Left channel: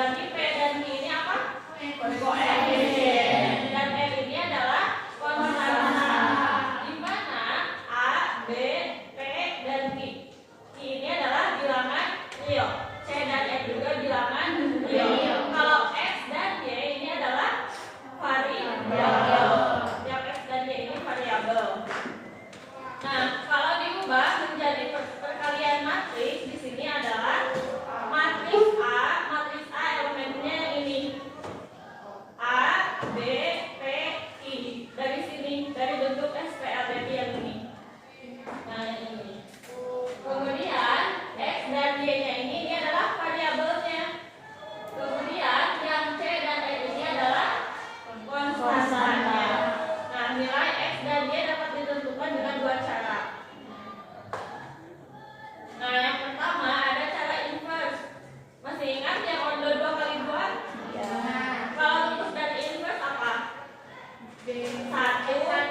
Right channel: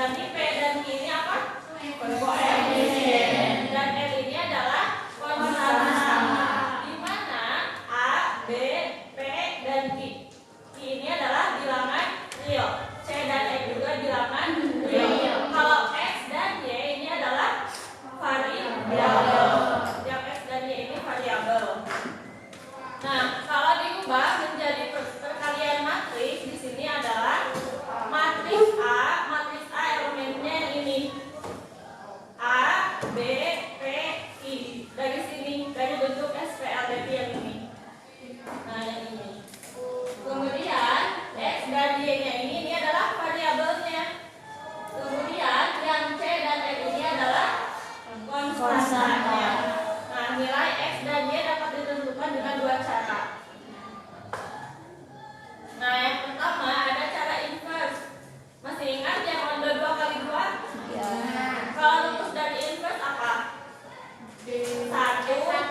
Berarti P dan Q ini apa? Koefisien. Dan L ini adalah konstanta. Di mana A, B, P, dan Q. Q ini adalah bilangan real. C dan E juga bilangan real. Kalau X dan Y ini adalah variabel. Yang X dan Y ini variabel. Nah, kalau diubah menjadi perkalian matriks, di sini adalah matriks A elemennya ini A, B, P, I. Dari sini, dari bentuk SPABT yang ini. Nah, ini. Kemudian X dan Y-nya ini adalah variabelnya. Kemudian yang C dan E ini adalah konstantanya. Nah, nilai X dan Y dapat ditentukan dengan dua cara. Nah, yang pertama ada cara inverse. Masih ingat yang order 2 kali 2? Ya. Kalau rumus dari inverse apa? 1 per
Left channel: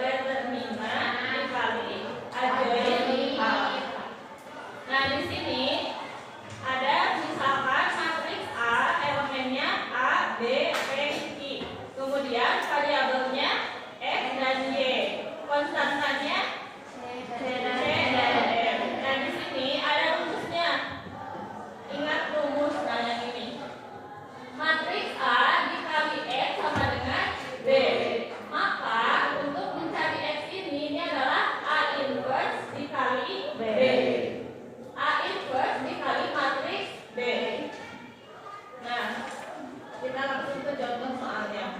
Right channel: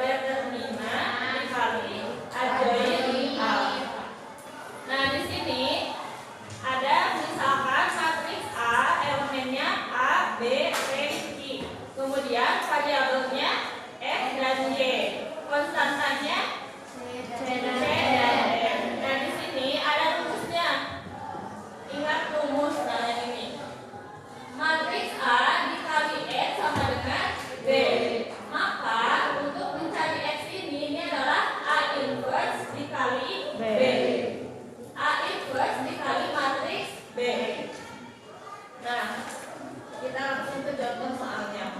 determinan dikali adjoint A. Nah, di sini ada misalkan matriks A, elemennya A, B, P, Q. Kemudian variabelnya X dan Y. Konstantanya C dan E. Dan di sini ada rumusnya. Ingat rumus kalian ini. Matriks A dikali X sama dengan B. Maka untuk mencari X ini adalah A inverse dikali B. A inverse dikali matriks B. Nah, kita langsung ke contoh soalnya.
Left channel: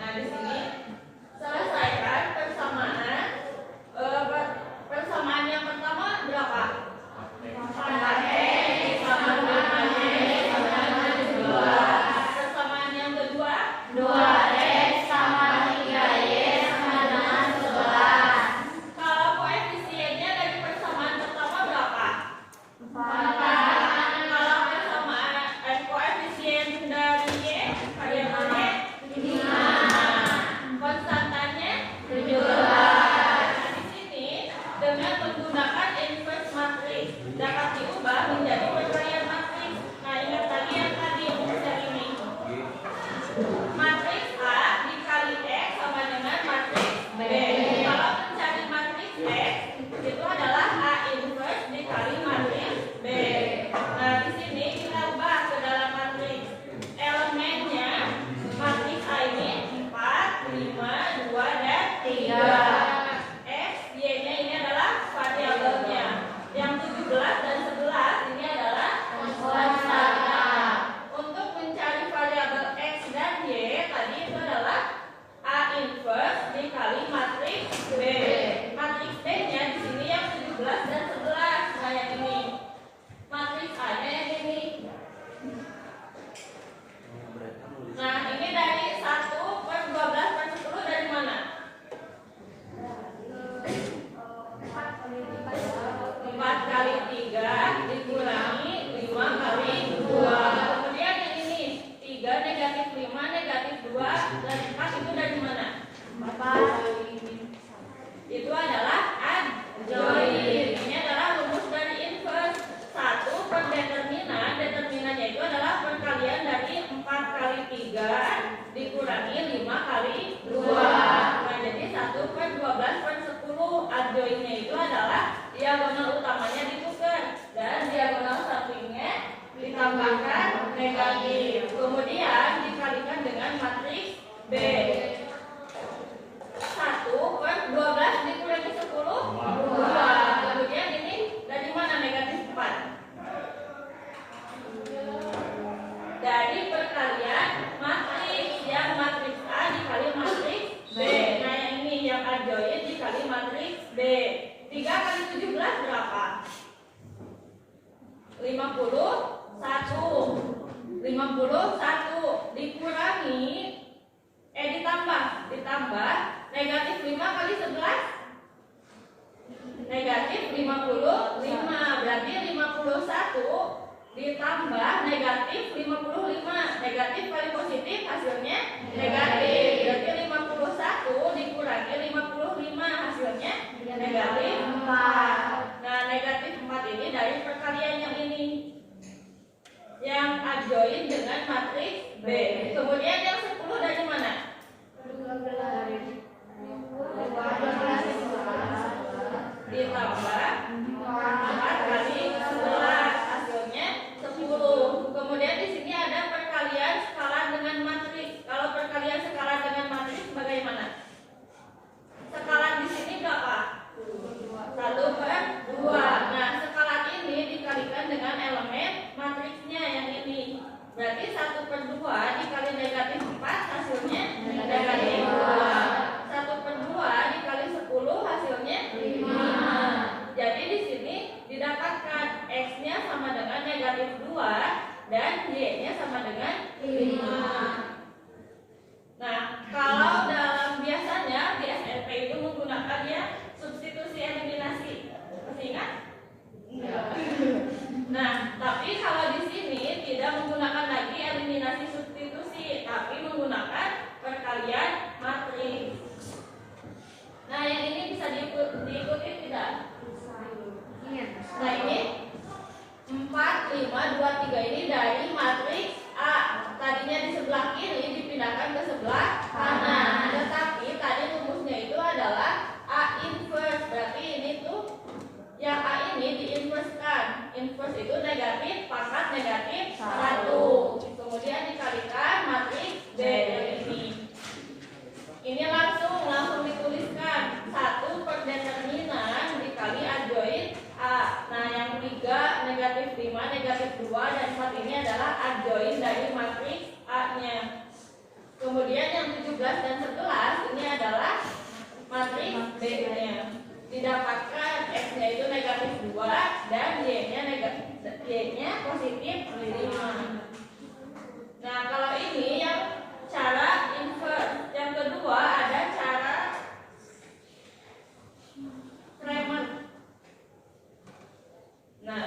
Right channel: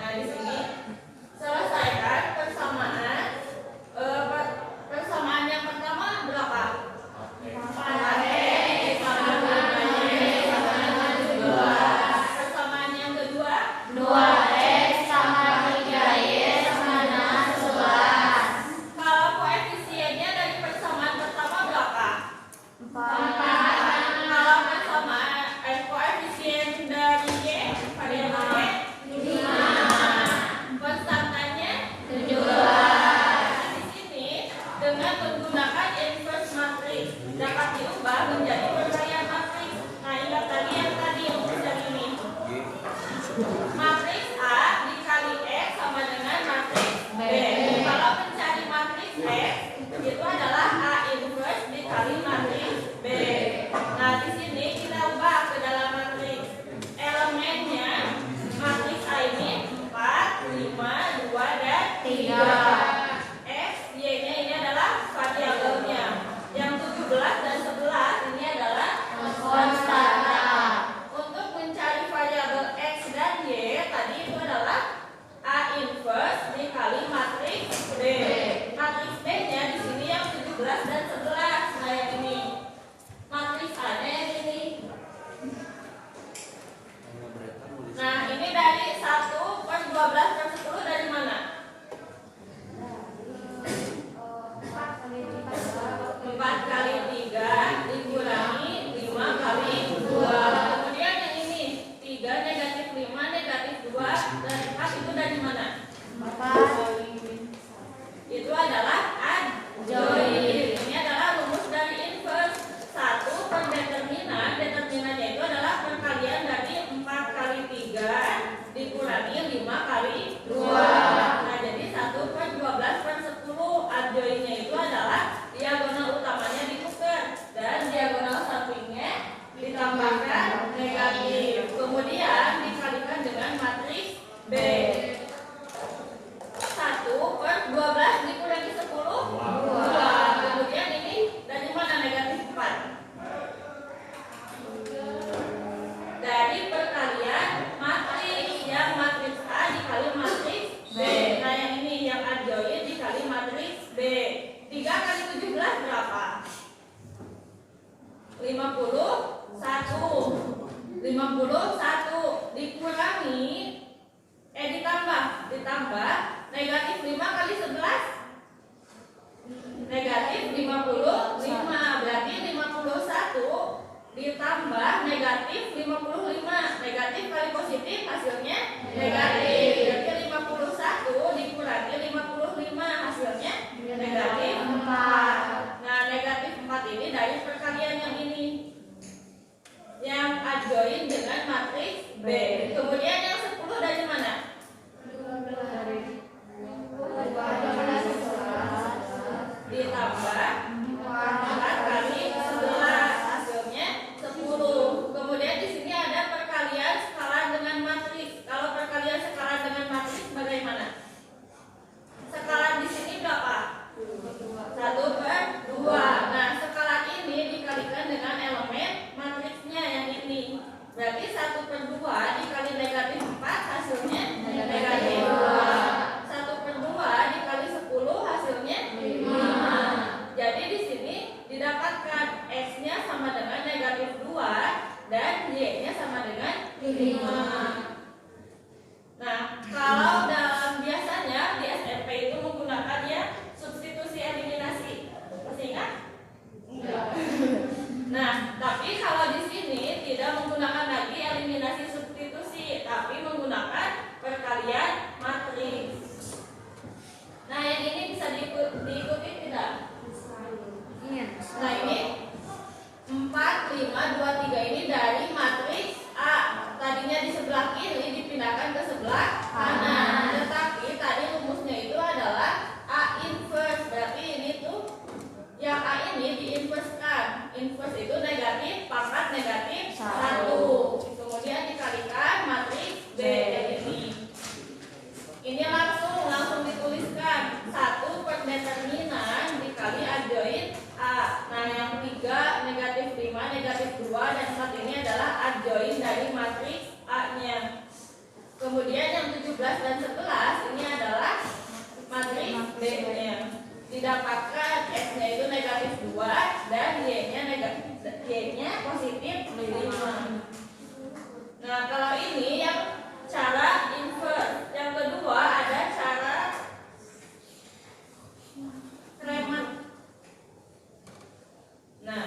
Nah, di sini selesaikan persamaan. Persamaan yang pertama berapa? 4X sama dengan Y sama dengan 12. Persamaan yang kedua 2X sama 3Y sama dengan 11. Kalau koefisiennya dari persamaan pertama berapa? 4. Kalau persamaan koefisien dari Y variabelnya 5. Konstantanya 17. Dengan menggunakan inverse matrix dapat diubah menjadi perkalian matriks. Nah, ingat tadi yang rumus yang ini. Matriks A dikali X sama dengan matriks B. Kalau mencari matriks X itu adalah A inverse dikali matriks B. Nah, di sini kita ubah ke dalam matriks. Elemennya matriks A ini 4, 5, 2, dan 3. Y-nya ini adalah variabelnya. Yang 17 dan 11 ini adalah konstanta. Untuk mencari variabel X dan Y tadi itu adalah A inverse dikali matriks B. Matriks B-nya di sini yang 17 dan 11. Nah, yang ini. Matriks A-nya yang ini. Nah, ini dari 1 per 12 per 10 dari mana? 4 kali 3 dikurangi 5 kali 2. Kemudian yang ini 3 negatif 5 negatif 2 dan 4 itu dari mana? Itu adalah adjoint. Ini adalah rumus dari inverse. 1 per determinan. Determinannya itu adalah perkalian dari 4 kali 3 dikurangi 5 kali 2. Nah, jadi 1 per 12 per 10. Adjointnya itu adalah diagonal utamanya ditukar dan diagonal sampingnya ditambahkan negatif. Kemudian dikalikan dengan matriks B. 1 per 12 dikurangi 10 2. Kemudian ini dari mana negatif 4? Dari perkalian matriks. Yang matriks A dikali matriks B. Nah, yang ini yang adjoint dikali matriks B. 3 kali 17 berapa? 51 dikurangi ditambah negatif 5 kali 11 negatif 55. Berarti 51 ditambah negatif 55. Negatif kali positif hasilnya negatif. Berarti 51 dikurangi 55 hasilnya negatif 4. Nah, negatif 4 ini dari perkalian yang ini. Berarti 1/2 dikali negatif 4 hasilnya negatif 2. 1/2 dikali 10 hasilnya 5. Jadi di sini didapatkan X-nya sama dengan negatif 2 dan Y-nya sama dengan 5. Nah, kalau dalam biasanya di SMP itu menggunakan ya substitusi eliminasi. Masih ingat? Nah, tapi kalau di sini tidak menggunakan lagi eliminasi substitusi, tapi menggunakan perkalian matriks. Nah, yang ini bisa diikuti tidak? Nah, ini 4, 5, 2, 3 ini dari matriks A. Tadinya di sebelah kiri dipindahkan ke sebelah kanan. Tetapi tadi rumusnya itu adalah A inverse. Berarti ini tuh yang A ini diinverskan. Inverse itu negatif pangkat negatif 1. Kemudian dikalikan matriks B yang ini. Ini langsung dituliskan 1 per determinan dikali adjoin A. Nah, yang 3 negatif 5 negatif 2 dan 4 ini adalah adjoin dari matriks A-nya. Kemudian yang 17 dan 11 ini adalah matriks B-nya. Didapatkan X-nya itu negatif 2 dan Y-nya positif 5. Nah, kalau ini yang cara inverse. Yang kedua ada cara Kramer. Nah,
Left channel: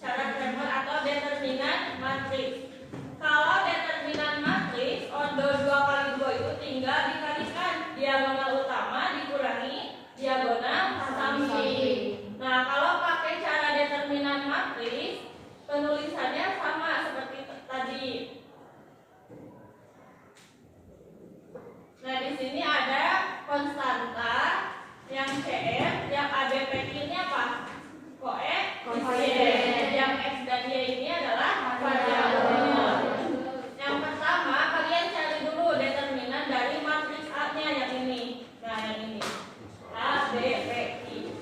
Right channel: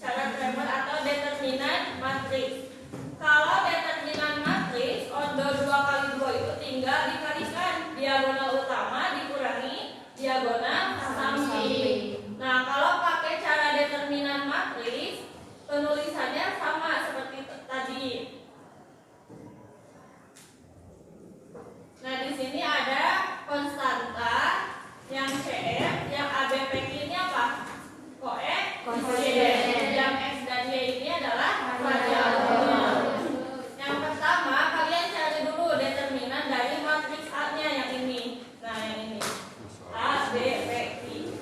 cara Kramer atau determinan matriks. Kalau determinan matriks ordo 2 kali 2 itu tinggal dikalikan diagonal utama dikurangi diagonal samping. Nah, kalau pakai cara determinan matriks penulisannya sama seperti tadi. Nah, di sini ada konstanta yang CF, yang ABP ini apa? Koefisien. Yang X dan Y ini adalah variabel. Yang pertama kalian cari dulu determinan dari matriks A-nya yang ini. Nah, yang ini A, B, P, I.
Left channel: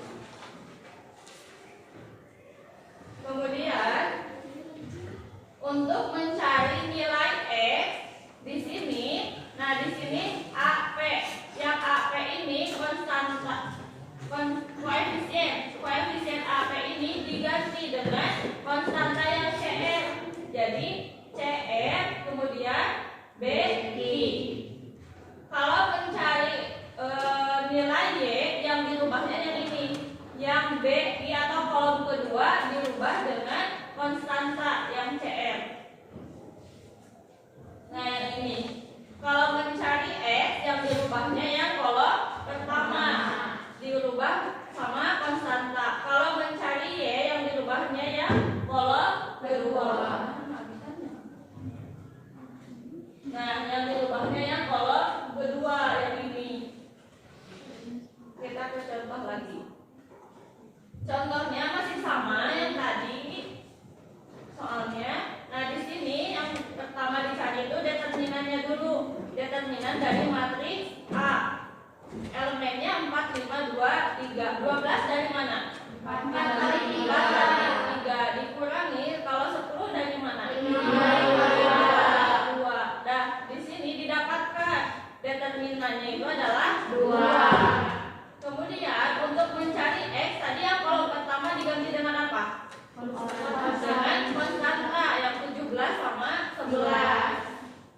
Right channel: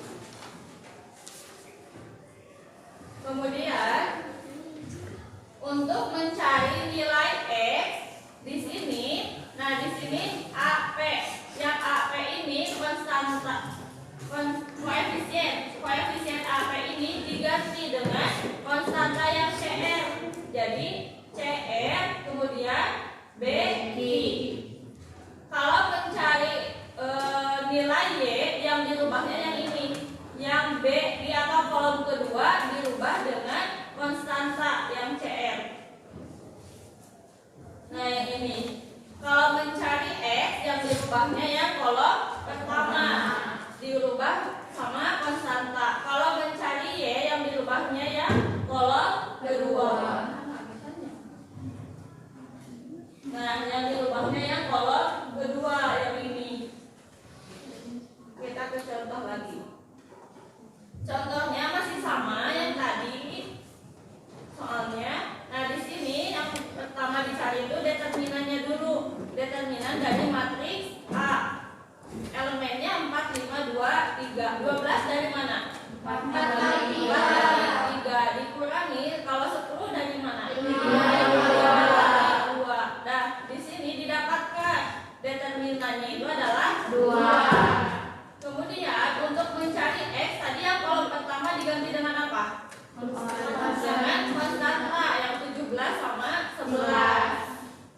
Kemudian untuk mencari nilai X di sini, nah di sini AP, yang AP ini konstanta, koefisien AP ini diganti dengan konstanta yang CR. Jadi CR kemudian BI. Kalau mencari nilai Y yang dirubahnya yang ini, yang BI atau kolom kedua dirubah dengan konstanta yang CR. Nah, yang ini. Kalau mencari X yang dirubahnya yang kolom pertama dirubah sama konstanta. Kalau mencari Y yang dirubahnya yang kolom kedua. Nah, yang dirubahnya yang kolom kedua yang ini. Kita ke contoh lagi. Contohnya masih sama yang tadi soalnya. Nah, di sini yang pertama dicari itu determinannya dulu. Determinan dari matriks A. Elemennya 4, 5, 2, 3. 12 dari mana? 4 kali 3 dikurangi, kalau 10 dari mana? 2. Nah, di sini didapatkan determinannya itu adalah 2. Kemudian untuk mencari X tadi yang kolom pertama diganti dengan apa? Dengan konstanta yang 17 sama 11.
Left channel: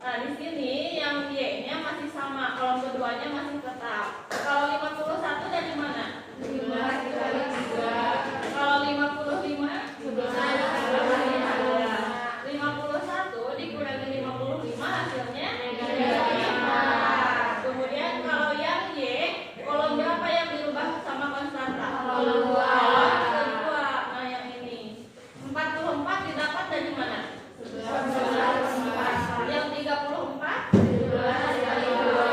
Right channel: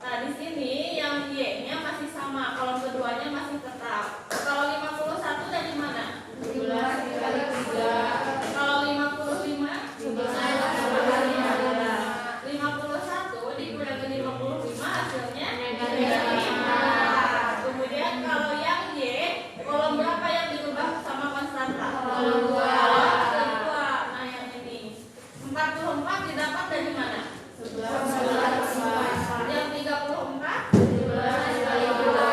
Nah, di sini yang Y-nya masih sama, kolom keduanya masih tetap. Kalau 51 dari mana? 17 dikali 3. Kalau 55 51 dikurangi 55 hasilnya negatif 4. Kemudian kalau yang Y, kolom berapa yang dirubah sama konstanta? Kolom 2. Nah, yang ini 44 didapat dari mana? 11. Yang 34 dikali 2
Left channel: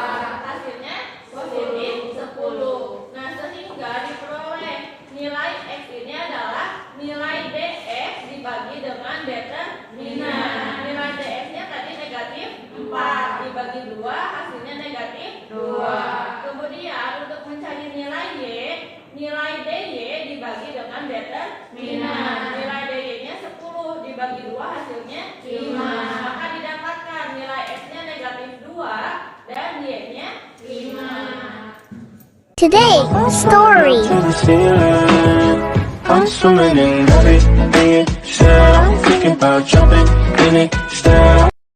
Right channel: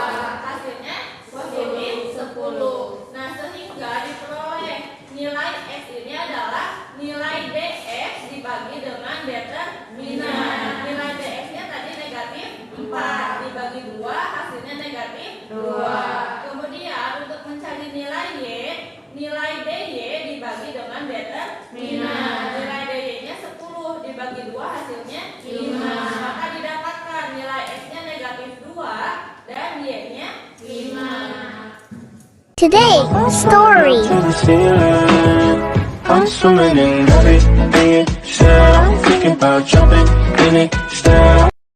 hasilnya positif 10. Nah, sehingga diperoleh nilai X ini adalah nilai DX dibagi dengan determinan. Nilai DX-nya tadi negatif 4 dibagi 2 hasilnya negatif 2. Kemudian untuk mencari nilai Y, nilai DY dibagi dengan determinan. Nilai DY-nya 10 dibagi 2 hasilnya 5. negatif 2 dan Y-nya 5. Today, story. To the ceiling, I'm swimming in everything you said. I'm thinking about jumping in it. Instead,